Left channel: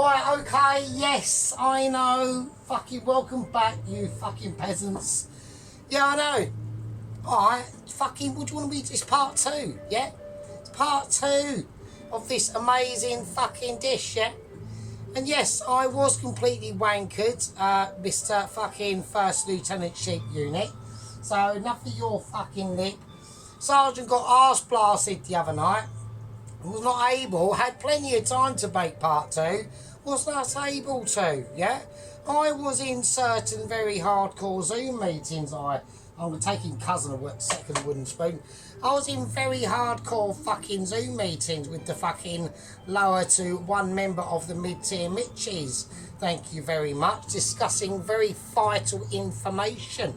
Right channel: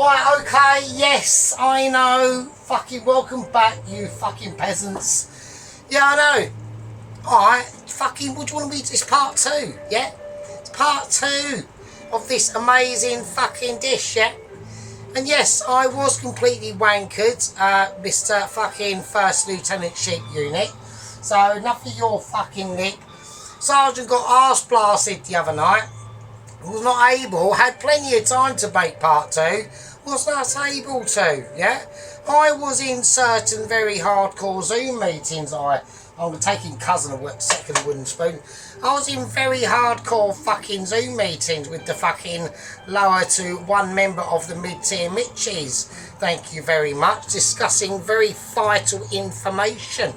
Right, okay, yes, I know. Fucking welcome back, you fucking peasants. Yeah, I know. Alright, fucking, what do you want me to... It's part 2, yeah? It's part 2 of this amazing fucking dish, yeah? And yes, I was completely wankered, Mr. fucking First Lieutenant Sheep Unit. So, enough of your fucking lip. Sergeant got arse blasted the other night. Was not able, had plenty of time to make part 2, was not able to, yeah? I was in certain very hardcore Zoom meetings. I'm taking cousin a second wooden spoon. I was in very hardcore fucking Zoom meetings with the fucking lower to one member of the mid-tier Mitchies. Thank you very much. Discussing very vital information.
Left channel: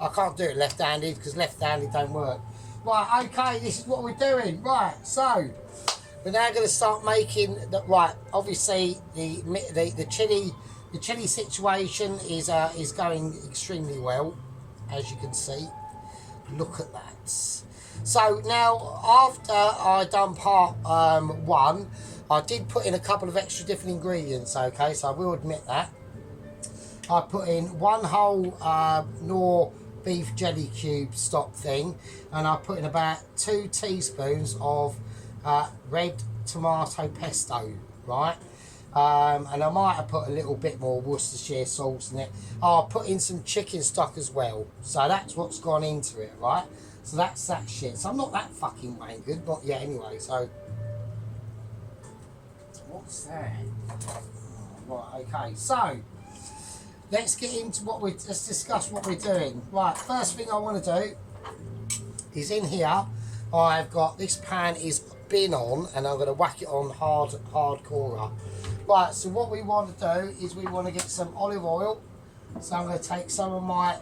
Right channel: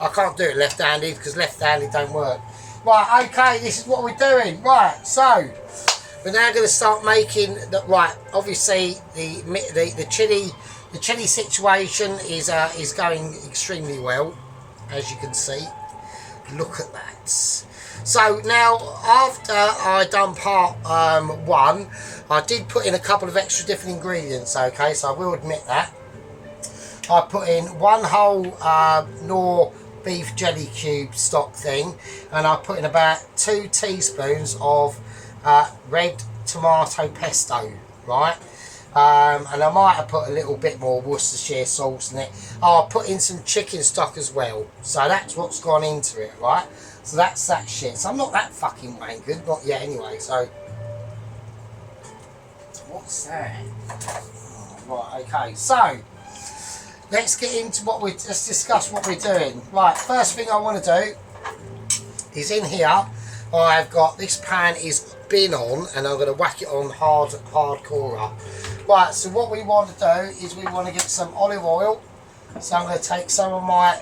I can't do it left-handed because left-handed don't work. Right, okay, this is what we're doing. Right, so we're now going to start making the obviously the chili situation is going extremely well, as you can see. Look at that. So now, after I done part 1, I did put in a couple of extra different ingredients. Okay, so I will admit that I put in 1 whole Knorr beef jelly cube stock thing, and I put in about 2 teaspoons of red tomato pesto, right? And I might have put a little bit more Worcestershire sauce in it. I'll put in some chicken stock as well. So that's what's gone into it, right? So that's that shit. So I'm not that fucking wankered, not yet anyway. So what's that? Right, okay. So let's get into let's discuss what we're doing. Right, first thing I want to do is in here, I've got this pan is been on, and I'm going to whack it on hardcore. Right, so what we want to do is we want to get some olive oil. So I'm going to take some of my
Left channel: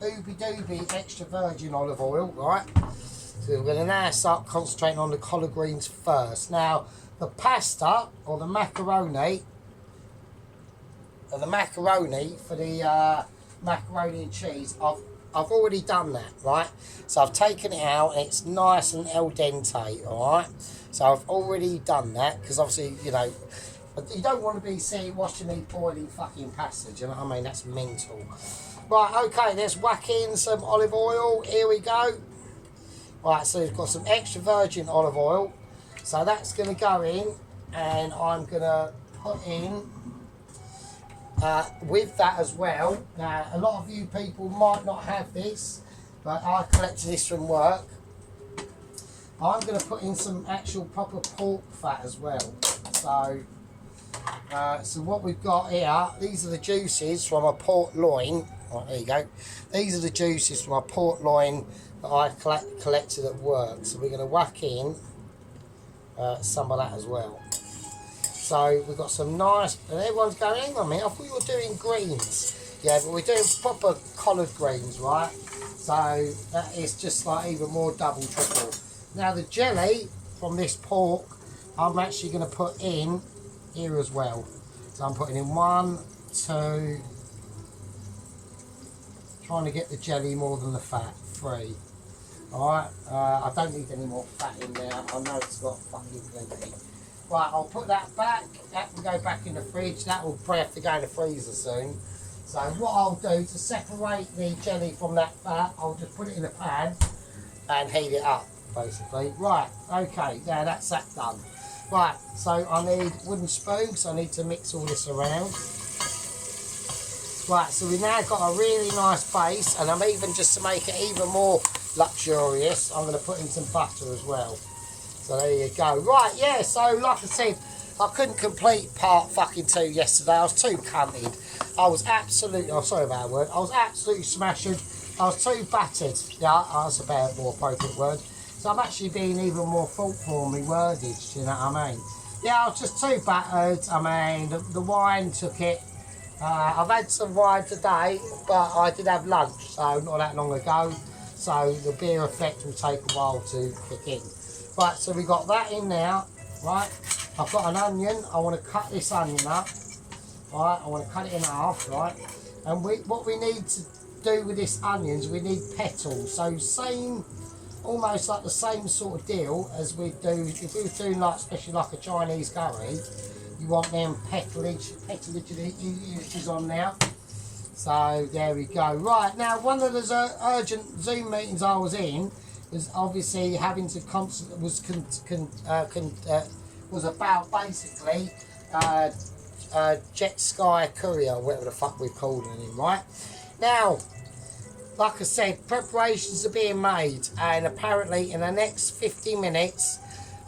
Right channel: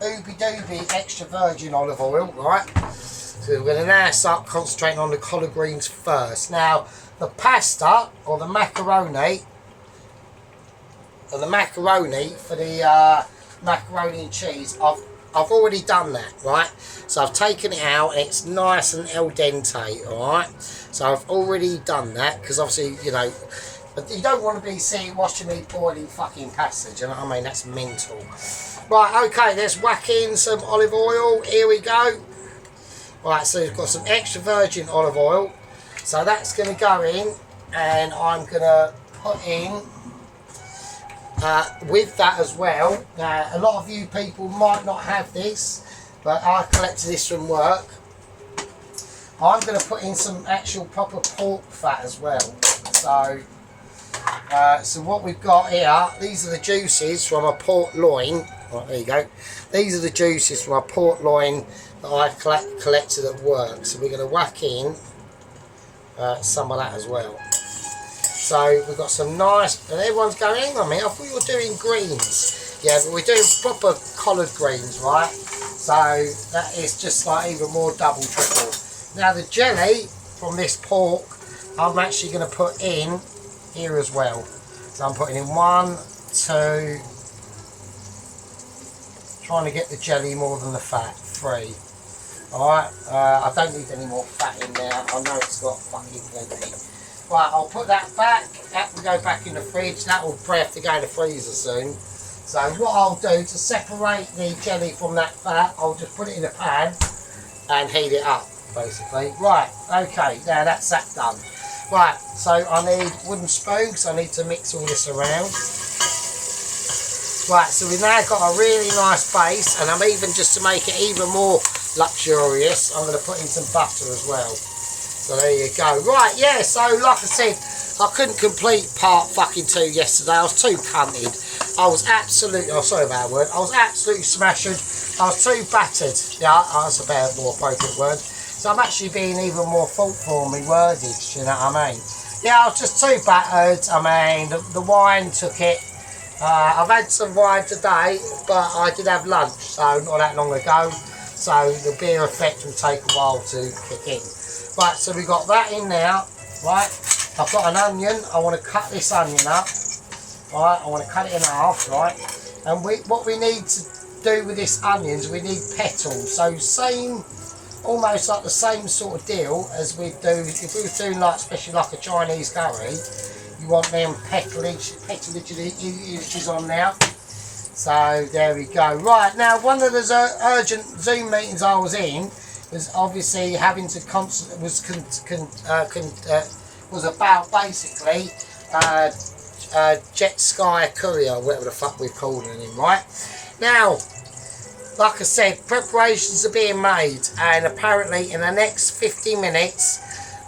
ooby dooby extra virgin olive oil, right? So we're going to now start concentrating on the collard greens first. Now, the pasta or the macaroni, for the macaroni and cheese, I've already done that, right? So I've taken it out and it's nice and al dente, alright? So I've already done that because obviously, you know, but you don't want to be watching me boiling fucking pasta, you know what I mean? That's mental. Right, okay, let's whack in some olive oil. Here we go. Right, so we've got some extra virgin olive oil. So that's going to go in, and I'm going to put in with that as well. Now, a lot of you people might not have this, but I collected this from work. I'm going to put in some actual proper pork fat as well. So what we've got here, these are the juices from a port loin. Right, there you go. These are the juices from a port loin that I collected at work. So we're going to whack in some of that as well. So we've got some nice, and everyone's going, hang on a minute, I thought you were doing greens. Yeah, but we're doing proper collard greens, right? So that is just like even more double, triple. Now the jelly from this pork, I'm actually going to put in here as well. So I'm putting in 1, 2, trying to get the jelly more than the fat, 3. Alright, I don't need any more fat in there, I know it's got fucking plenty. Right, I'll put that back. That will go back in the fridge. That will probably have to go in the freezer soon. So what I'll do to separate the jelly from that fat, I'll just put it in a pan and heat it up, basically. Right, okay, now that's that done. Right, so I need wooden spoon because I need to mix all this around. Right, so we've now got a really nice base, and I'm even, just to make it even more luxurious, I'm going to put in some butter as well. So there you go. Right, yeah, so like I said, I couldn't complete part fucking 2 yesterday. I was too cunted. I was absolutely, oh sorry about that word, I was absolutely smashed. I was too battered. Yeah, that's a better, more appropriate word. So I'm actually being even more thoughtful on my wordage, you know what I mean? Yeah, I was just too battered. I mean, the wine took it. I've had some wine today, but I did have lunch, so not that long ago. So the beer effect will take a while to kick in. Right, so we've got that in now, right? I've got an onion. I want to cut this onion up, right? I want to cut it in half, right? And what we need to do with this onions, we need petals. So same, almost like the same sort of deal as we do if we were doing like, especially like a Chinese curry. You want them petalages on now. So there we go. Right, now one of the urgent Zoom meetings I was in was obviously having to was about basically Jet Sky Courier, whatever the fuck we're calling him, right? Now, like I said, preparations are being made, and apparently in the next 50 minutes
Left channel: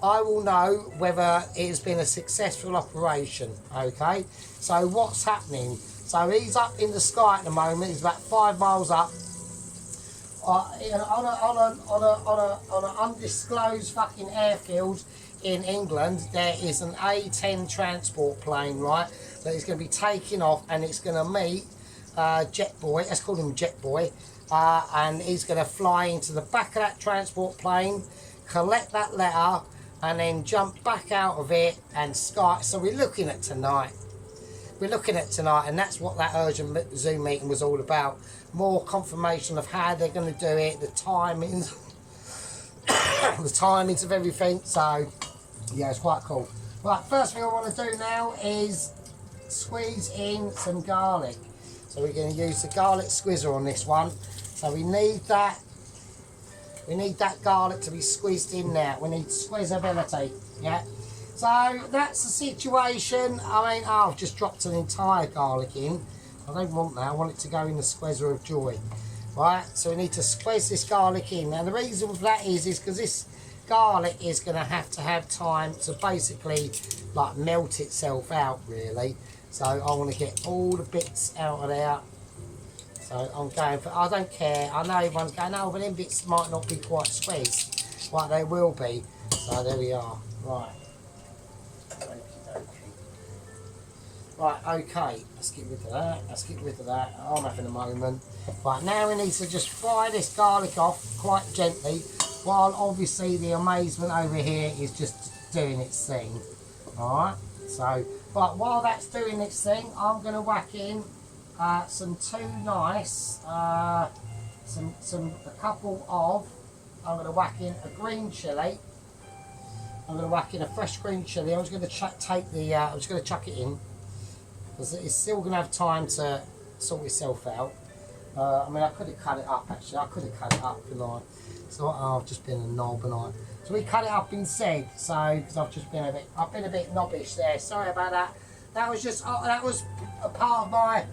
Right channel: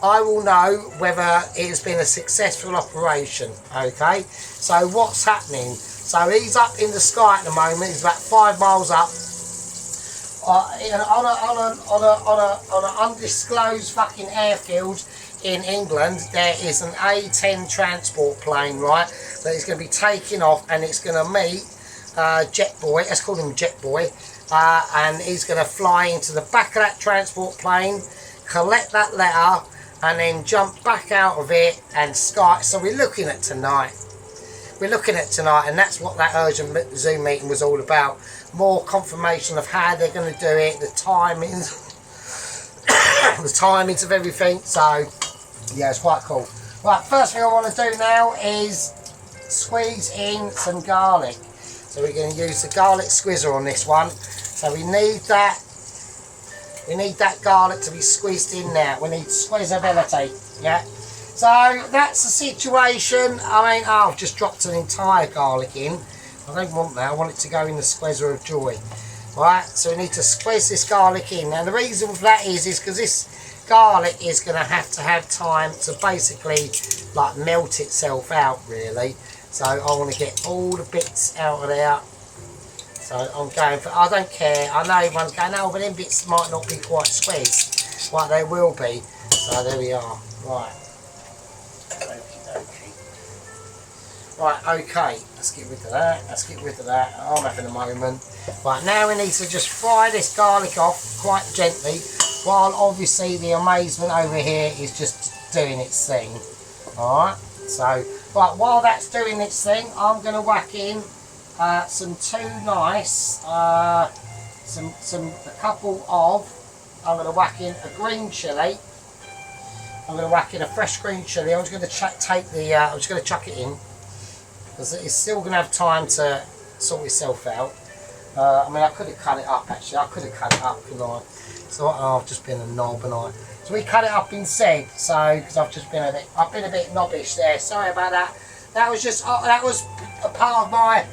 I will know whether it has been a successful operation. Okay, so what's happening? So he's up in the sky at the moment. He's about 5 miles up on an undisclosed fucking airfield in England. There is an A-10 transport plane, right, that is going to be taking off, and it's going to meet Jet Boy. Let's call him Jet Boy. And he's going to fly into the back of that transport plane, collect that letter, and then jump back out of it and sky. So we're looking at tonight. And that's what that urgent Zoom meeting was all about. More confirmation of how they're going to do it, the timings, the timings of everything. So yeah, it's quite cool. Right, first thing I want to do now is squeeze in some garlic. So we're going to use the garlic squeezer on this one. So we need that garlic to be squeezed in now. We need squeezability, yeah. So that's the situation. I mean, I've just dropped an entire garlic in. I don't want that. I want it to go in the squeezer of joy. Right, so we need to squeeze this garlic in. Now the reason for that is because this garlic is going to have time to basically like melt itself out, really. So I want to get all the bits out of there. So I'm going for, I don't care. I know everyone's going, no, but them bits might not be quite squeezed. Right, they will be. So there we are. Right. Right, okay, let's get rid of that, I'm having a moment. Right, now we need to just fry this garlic off quite gently, while obviously the amazement over here is just doing its thing. Alright, so, right, while that's doing its thing, I'm going to whack in some I'm going to whack in a green chilli. I'm going to whack in a fresh green chilli. I'm just going to I'm just going to chuck it in. Because it's still going to have time to sort itself out. I mean, I could have cut it up actually. I could have cut it up, couldn't I? So I've just been a knob, and so we cut it up instead. So because I've been a bit knobbish there. Sorry about that. That was just that was a part of my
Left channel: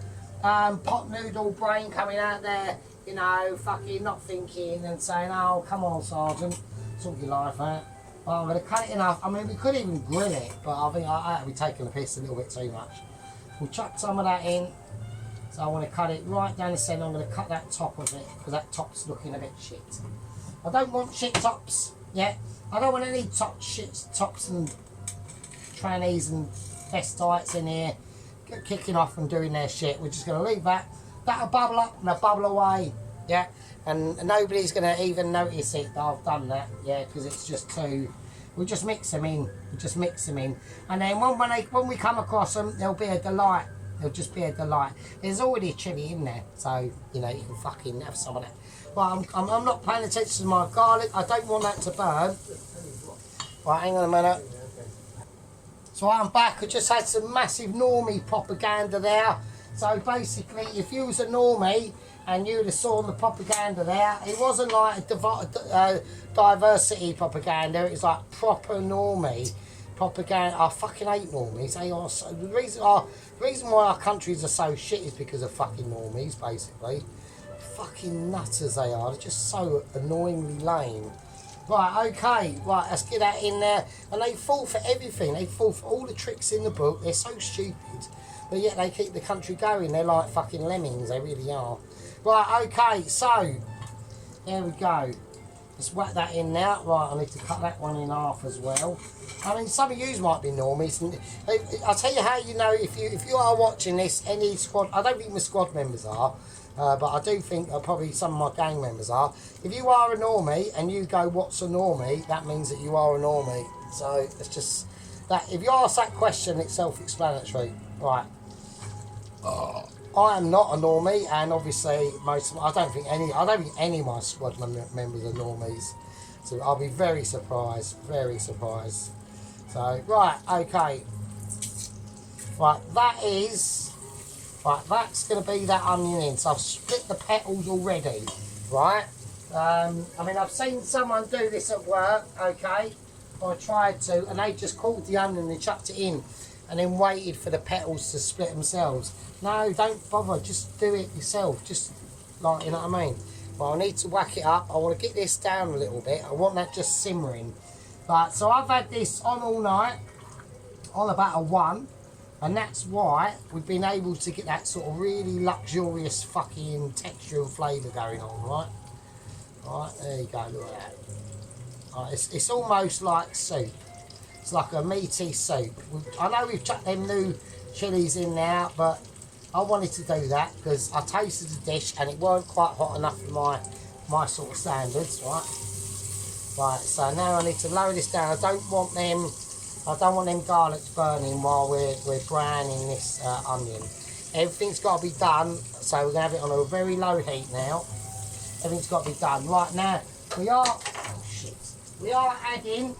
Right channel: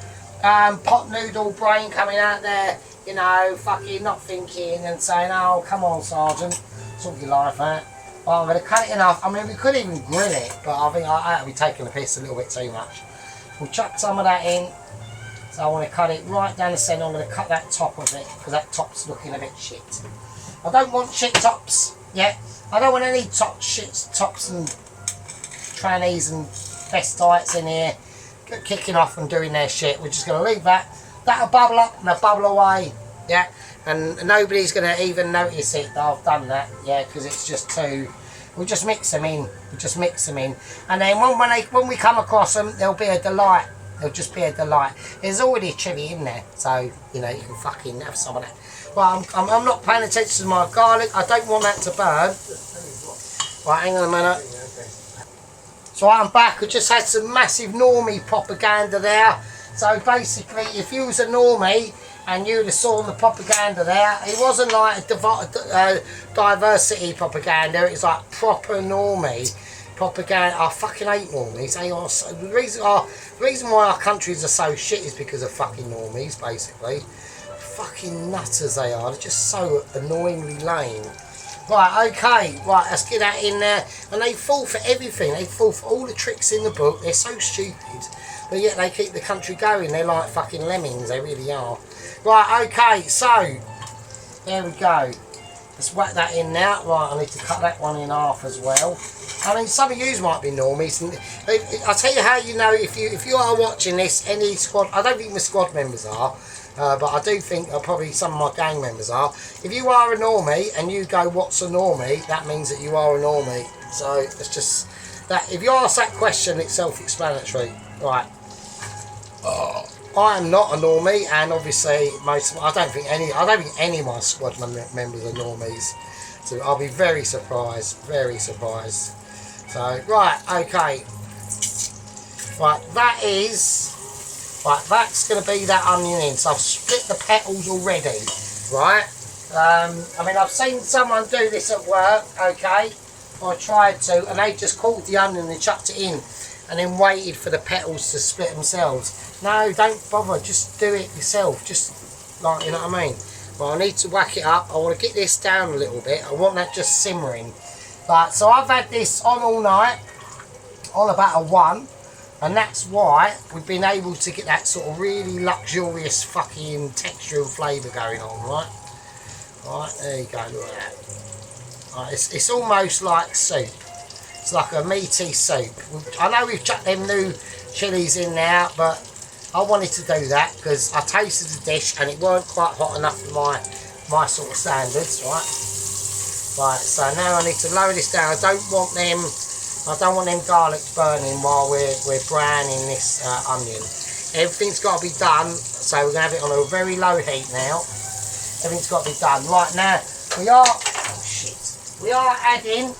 pot noodle brain coming out there. You know, fucking not thinking and saying, "Oh, come on, Sergeant, sort your life out." Well, I'm going to cut it enough. I mean, we could even grill it, but I think I'll be taking the piss a little bit too much. We'll chuck some of that in. So I want to cut it right down the centre. I'm going to cut that top of it because that top's looking a bit shit. I don't want shit tops. Yeah, I don't want any tops and trannies and festites in here kicking off and doing their shit. We're just going to leave that. That'll bubble up and they'll bubble away. Yeah, and nobody's going to even notice it that I've done that. Yeah, because it's just too. We'll just mix them in. And then when we come across them, they'll be a delight. They'll just be a delight. There's already chilli in there, so you know you can fucking have some of that. But I'm not paying attention to my garlic. I don't want that to burn. Right, hang on a minute. So I'm back. I just had some massive normie propaganda there. So basically, if you was a normie and you'd have saw the propaganda there, it wasn't like a diversity propaganda, it's like proper normie propaganda. I fucking hate normies. The reason why our countries are so shit is because of fucking normies, basically. Fucking nutters they are, they're just so annoyingly lame. Right, okay, right, let's get that in there. And they fall for everything, they fall for all the tricks in the book, they're so stupid. But yet they keep the country going, they're like fucking lemmings, they really are. Right, okay, so, there we go. Let's whack that in now. Right, I need to cut that one in half as well. I mean, some of you might be normies. And I'll tell you how you know if you are watching this, any squad, I don't think the squad members are, but I do think probably some of my gang members are. If you are a normie and you go, what's a normie, that means that you are a normie. So, it's just, that. If you ask that question, it's self-explanatory. Right. I am not a normie, and obviously I don't think any of my squad members are normies. So I'll be very surprised. So right, okay. Right, that is, right, that's going to be that onion in. So I've split the petals already, right? I mean, I've seen someone do this at work, okay? I tried to, and they just caught the onion and chucked it in and then waited for the petals to split themselves. No, don't bother, just do it yourself, just like, you know what I mean? Well, I need to whack it up. I want to get this down a little bit. I want that just simmering. Right, so I've had this on all night, on about a 1, and that's why we've been able to get that sort of really luxurious fucking texture and flavour going on, right? Right, there you go, look at that. Right, it's almost like soup. It's like a meaty soup. I know we've chucked them new chilies in now, but I wanted to do that because I tasted the dish and it weren't quite hot enough for my sort of standards, right? Right, so now I need to lower this down. I don't want them garlics burning while we're browning this onion. Everything's got to be done, so we're going to have it on a very low heat now. Everything's got to be done. Right, now we are adding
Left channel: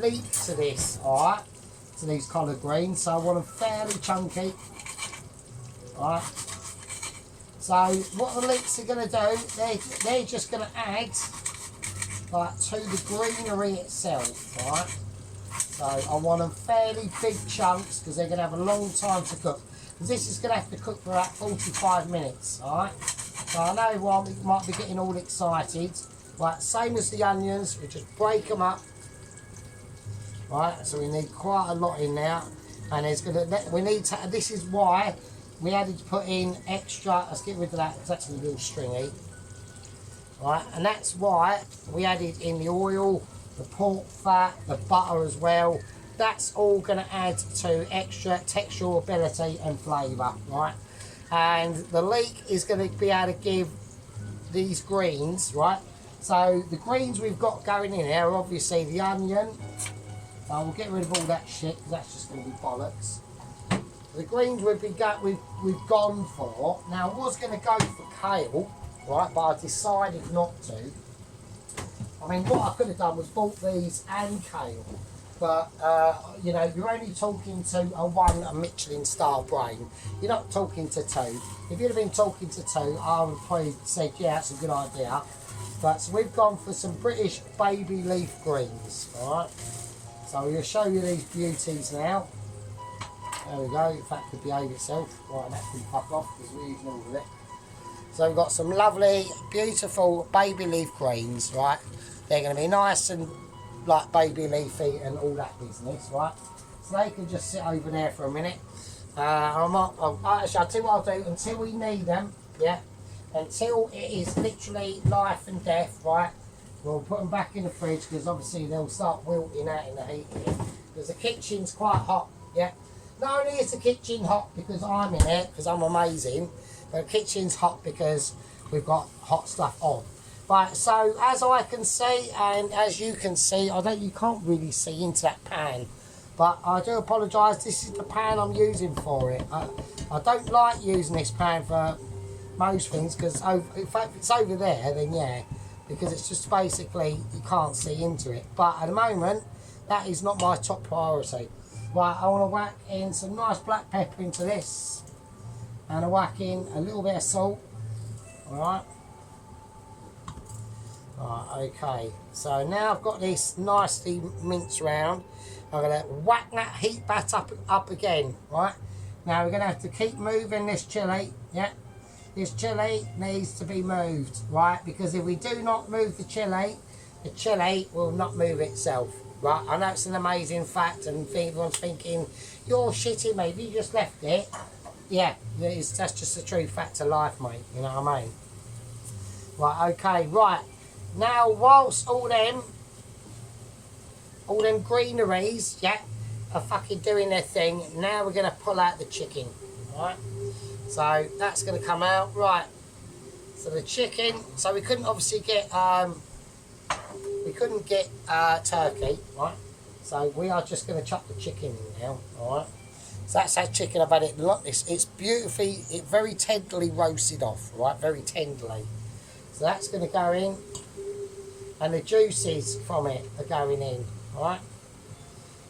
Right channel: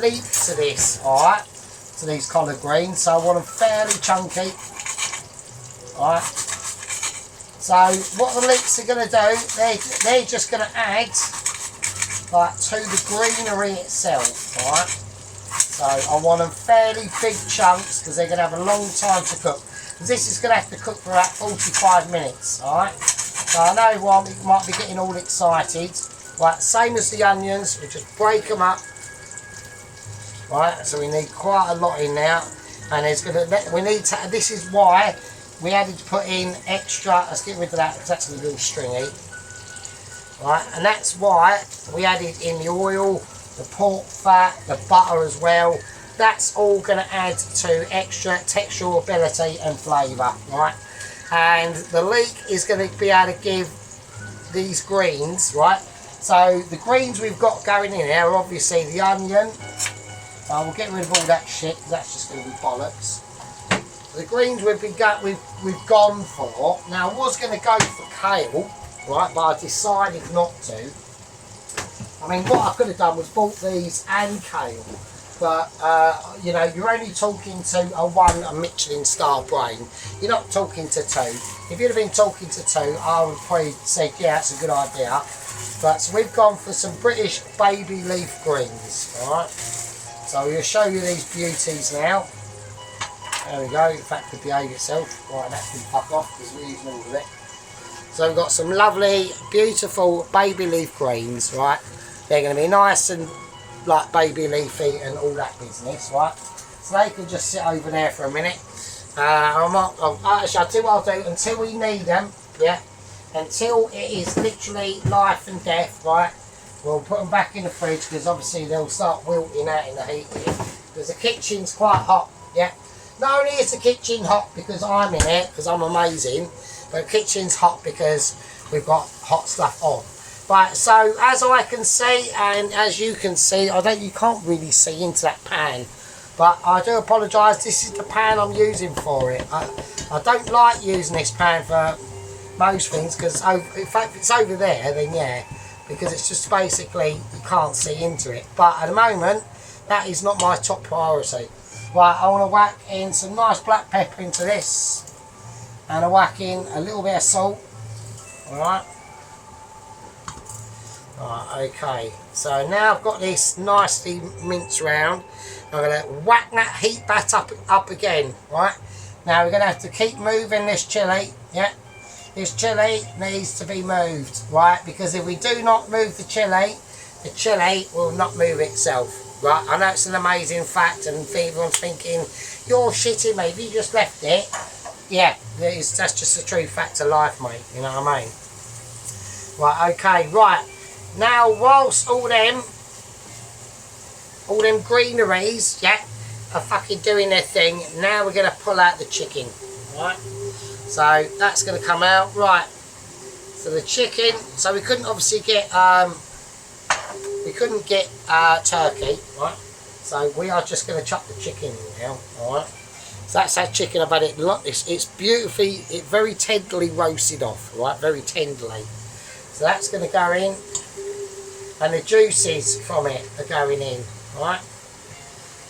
leeks to this, alright, to these collard greens. So I want them fairly chunky. Alright. So what the leeks are going to do, they're just going to add like to the greenery itself, alright. So I want them fairly big chunks because they're going to have a long time to cook. This is going to have to cook for about 45 minutes, alright. So I know one might be getting all excited. Right, same as the onions, we just break them up. Right, so we need quite a lot in now, and this is why we had to put in extra. Let's get rid of that because that's a little stringy. Right, and that's why we added in the oil, the pork fat, the butter as well. That's all going to add to extra texturability and flavour, right? And the leek is going to be able to give these greens, right? So the greens we've got going in here are obviously the onion. We'll get rid of all that shit because that's just going to be bollocks. The greens we've gone for. Now I was going to go for kale, right, but I decided not to. I mean, what I could have done was bought these and kale, but you know, you're only talking to a Michelin star brain. You're not talking to 2. If you'd have been talking to 2, I would probably say, yeah, that's a good idea. But so we've gone for some British baby leaf greens, alright? So we'll show you these beauties now. There we go, in fact it behave itself. Right, that can fuck off because we're using all of it. So we've got some lovely, beautiful baby leaf greens, right? They're going to be nice and like baby leafy and all that business, right? So they can just sit over there for a minute. Actually, I'll tell you what I'll do until we need them, yeah? Until it is literally life and death, right? We'll put them back in the fridge because obviously they'll start wilting out in the heat here. Because the kitchen's quite hot, yeah? Not only is the kitchen hot because I'm in it, because I'm amazing, but the kitchen's hot because we've got hot stuff on. Right, so as I can see and as you can see, you can't really see into that pan, but I do apologise, this is the pan I'm using for it. I don't like using this pan for most things because in fact if it's over there then yeah, because it's just basically you can't see into it, but at the moment that is not my top priority. Right, I want to whack in some nice black pepper into this and I whack in a little bit of salt. Alright. Right, okay, so now I've got this nicely minced round. I'm going to whack that heat back up again, right? Now we're going to have to keep moving this chilli, yeah? This chilli needs to be moved, right? Because if we do not move the chilli will not move itself, right? I know it's an amazing fact and everyone's thinking, you're shitting me, if you just left it. Yeah, that's just a true fact of life, mate, you know what I mean? Right, okay, right. Now, whilst all them greeneries, yeah, are fucking doing their thing, now we're going to pull out the chicken, right? So, that's going to come out, right. So the chicken, so we couldn't obviously get, turkey, right? So we are just going to chuck the chicken in now, alright? So that's that chicken, I've had it, it's beautifully, very tenderly roasted off, right? Very tenderly. So that's going to go in. And the juices from it are going in, right?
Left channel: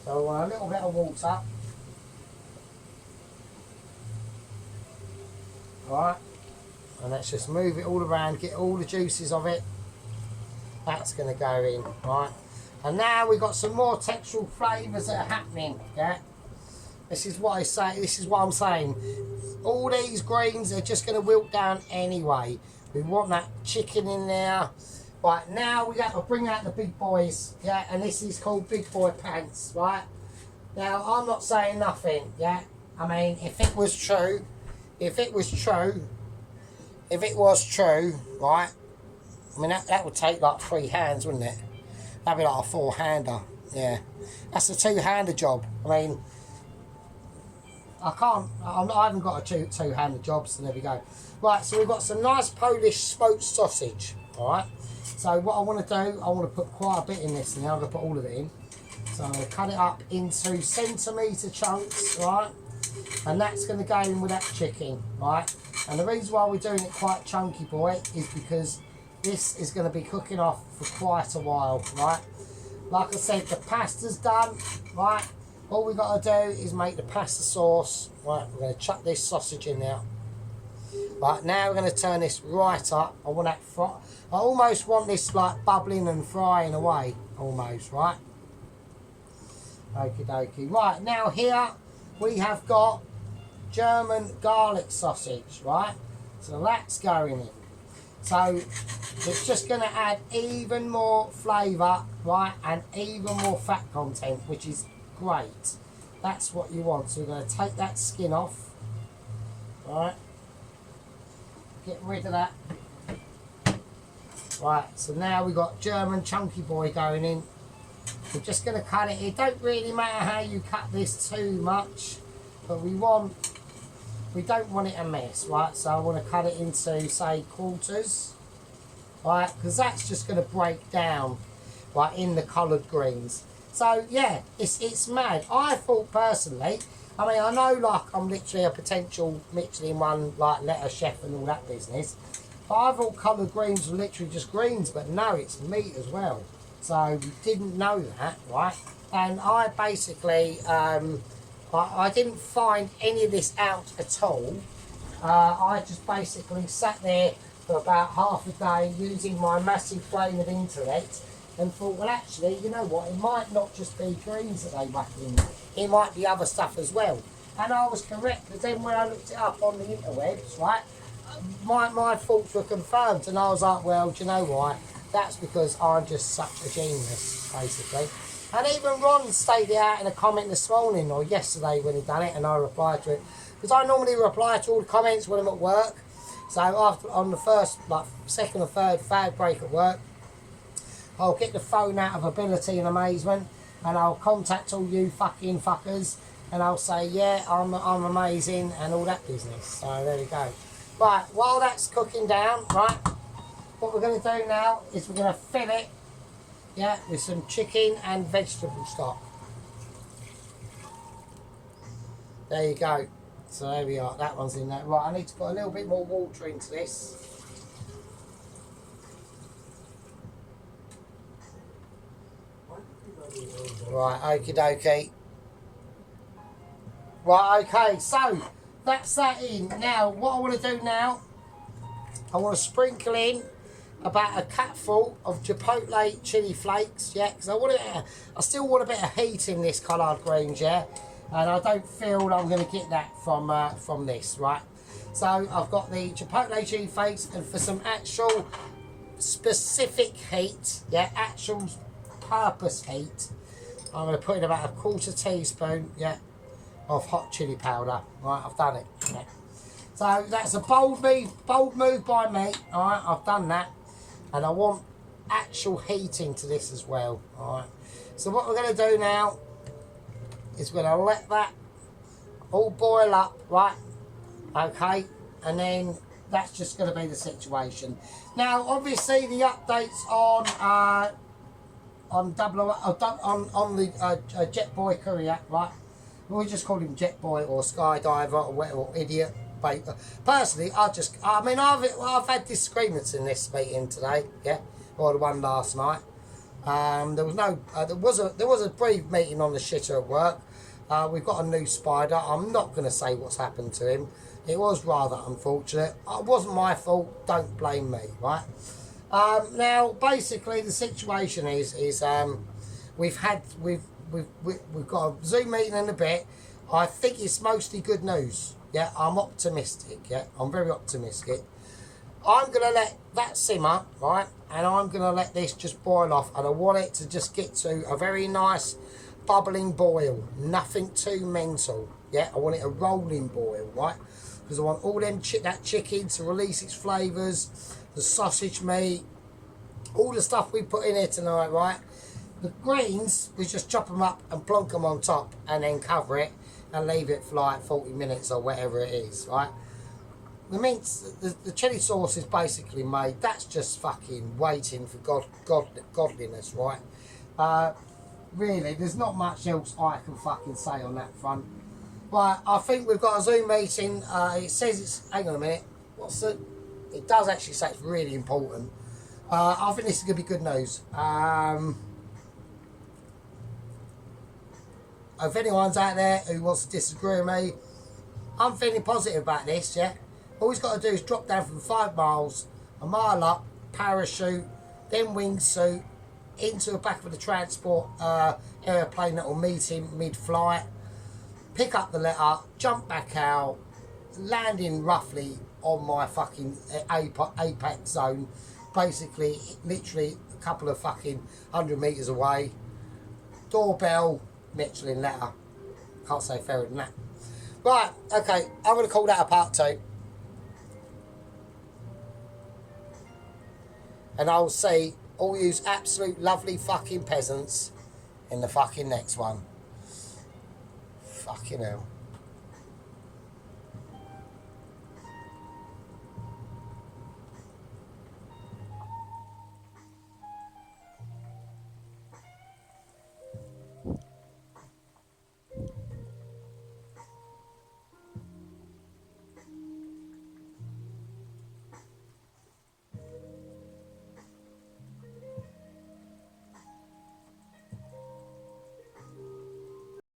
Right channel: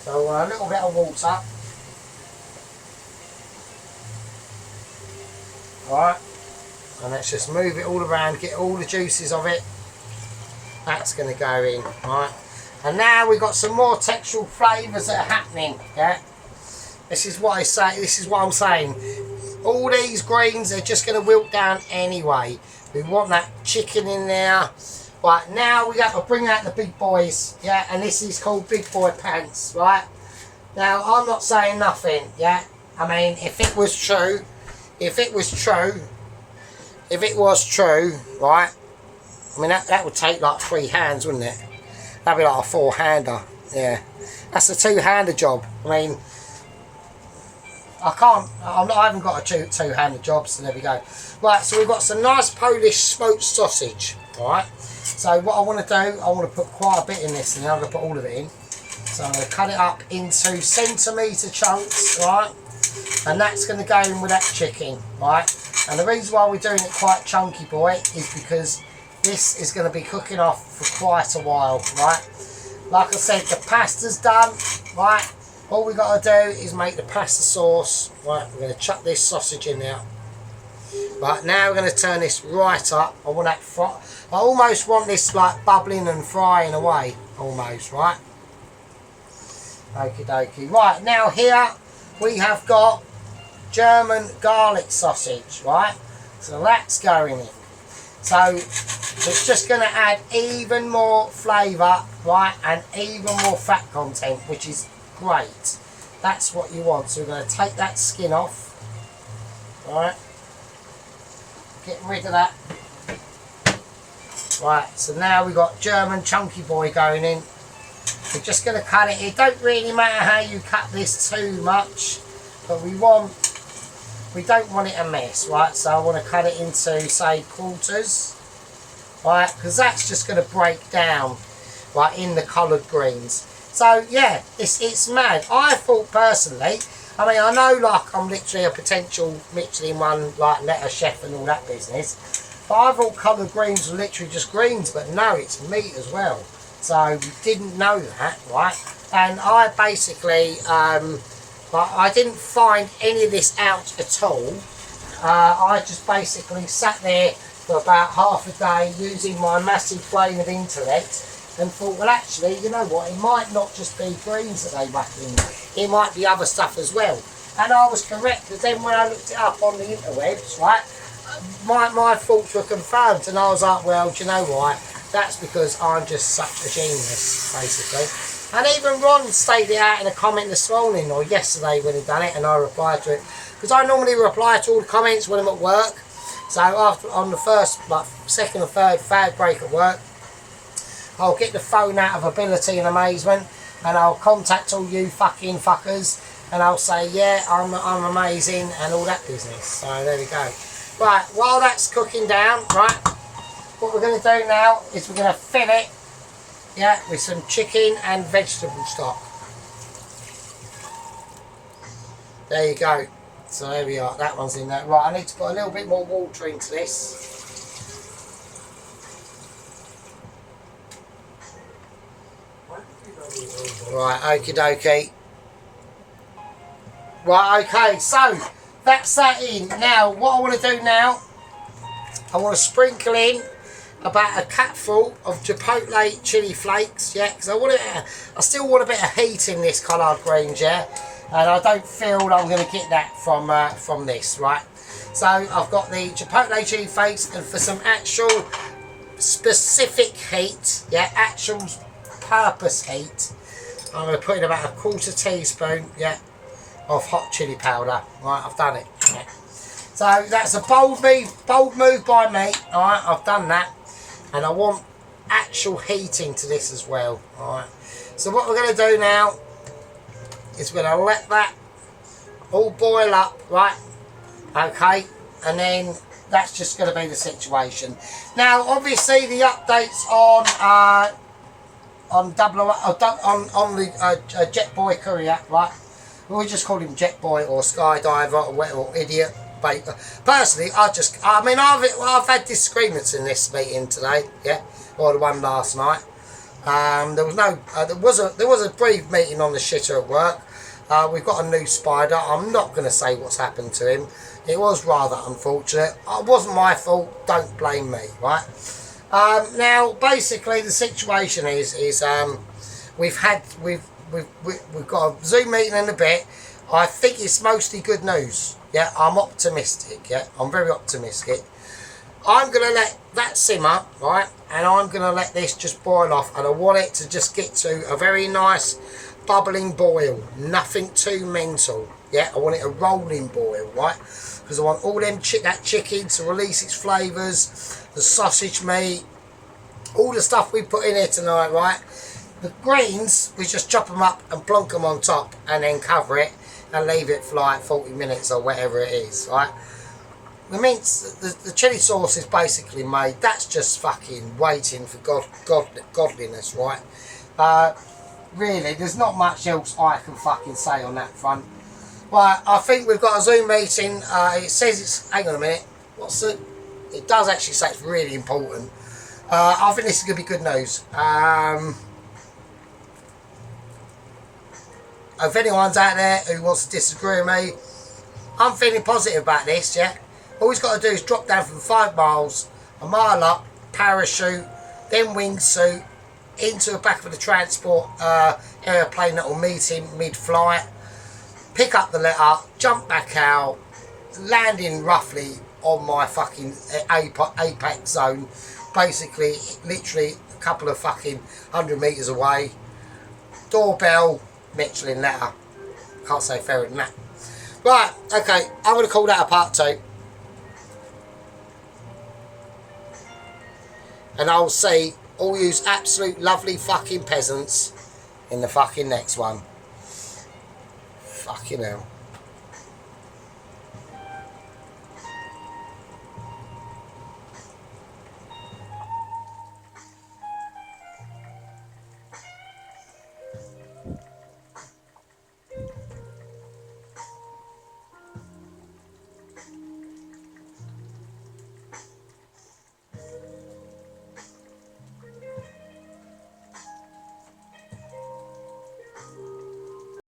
So a little bit of water. right? And let's just move it all around, get all the juices of it. That's going to go in, right? And now we've got some more textural flavours that are happening, yeah? This is what I say, this is what I'm saying. All these greens are just going to wilt down anyway. We want that chicken in there. Right, now we got to bring out the big boys, yeah? And this is called big boy pants, right? Now, I'm not saying nothing, yeah? I mean, if it was true, right? I mean, that would take like 3 hands, wouldn't it? That'd be like a 4-hander, yeah. That's a 2-hander job. I mean, I haven't got a two-hander job, so there we go. Right, so we've got some nice Polish smoked sausage, alright? So what I want to do, I want to put quite a bit in this, and then I'm going to put all of it in. So I'm going to cut it up into centimetre chunks, right? And that's going to go in with that chicken, right? And the reason why we're doing it quite chunky, boy, is because this is going to be cooking off for quite a while, right? Like I said, the pasta's done, right? All we got to do is make the pasta sauce, right? We're going to chuck this sausage in there. Right, now we're going to turn this right up. I almost want this like bubbling and frying away, almost, right? Okie dokie. Right, now here we have got German garlic sausage, right? So that's going in. So it's just going to add even more flavour, right? And even more fat content, which is great. That's what you want. So we're going to take that skin off, right? Get rid of that. Right, so now we've got German chunky boy going in. We're just going to cut it. It don't really matter how you cut this too much, but we don't want it a mess, right? So I want to cut it into, say, quarters, right? Because that's just going to break down, right, in the coloured greens. So yeah, it's mad. I thought personally, I mean, I know like I'm literally a potential Michelin one, like letter chef and all that business, but I thought coloured greens were literally just greens, but no, it's meat as well. So we didn't know that, right? And I basically, I didn't find any of this out at all. I just basically sat there for about half a day using my massive brain of intellect and thought, well, actually, you know what? It might not just be greens that they whack in. It might be other stuff as well. And I was correct, because then when I looked it up on the interwebs, right, my thoughts were confirmed, and I was like, well, do you know what? That's because I'm just such a genius, basically. And even Ron stated it out in a comment this morning, or yesterday when he done it, and I replied to it. Because I normally reply to all the comments when I'm at work. So after on the first, like, second or third fag break at work, I'll get the phone out of ability and amazement, and I'll contact all you fucking fuckers, and I'll say, yeah, I'm amazing, and all that business. So there we go. Right, while that's cooking down, right, what we're going to do now is we're going to fill it, yeah, with some chicken and vegetable stock. There you go. So there we are, that one's in there. Right, I need to put a little bit more water into this. Right, okie dokie. Right, okay, so that's that in. Now, what I want to do now, I want to sprinkle in about a cupful of chipotle chili flakes, yeah, because I still want a bit of heat in this collard greens, yeah, and I don't feel that I'm going to get that from this, right? So I've got the chipotle chili flakes, and for some actual specific heat, yeah, actual purpose heat, I'm going to put in about a 1/4 teaspoon, yeah, of hot chili powder. Right, I've done it. Yeah. So that's a bold move by me. All right, I've done that, and I want actual heating to this as well. All right. So what we're going to do now is we're going to let that all boil up, right? Okay, and then that's just going to be the situation. Now, obviously, the updates on the Jet Boy courier, right? We just call him Jet Boy or Skydiver or Idiot. But personally, I've had disagreements in this meeting today, yeah, or the one last night. There was a brief meeting on the shitter at work. We've got a new spider. I'm not going to say what's happened to him. It was rather unfortunate. It wasn't my fault. Don't blame me, right? Now, basically, the situation is we've got a Zoom meeting in a bit. I think it's mostly good news. Yeah, I'm optimistic. Yeah, I'm very optimistic. I'm gonna let that simmer, right? And I'm gonna let this just boil off. And I want it to just get to a very nice bubbling boil. Nothing too mental. Yeah, I want it a rolling boil, right? Because I want all that chicken to release its flavours, the sausage meat, all the stuff we put in here tonight, right? The greens, we just chop them up and plonk them on top and then cover it and leave it for like 40 minutes or whatever it is, right? The chili sauce is basically made. That's just fucking waiting for godliness, right? Really, there's not much else I can fucking say on that front. Right, I think we've got a Zoom meeting. It says it's... Hang on a minute. It does actually say it's really important. I think this is going to be good news. If anyone's out there who wants to disagree with me, I'm feeling positive about this, yeah? All he's got to do is drop down from 5 miles, a mile up, parachute, then wingsuit, into the back of the transport airplane that will meet him mid-flight, pick up the letter, jump back out, landing roughly on my fucking apex zone, basically, literally a couple of fucking 100 metres away, doorbell, Michelin letter, can't say fairer than that. Right, okay, I'm going to call that a part 2. And I'll see all you absolute lovely fucking peasants in the fucking next one. Fucking hell.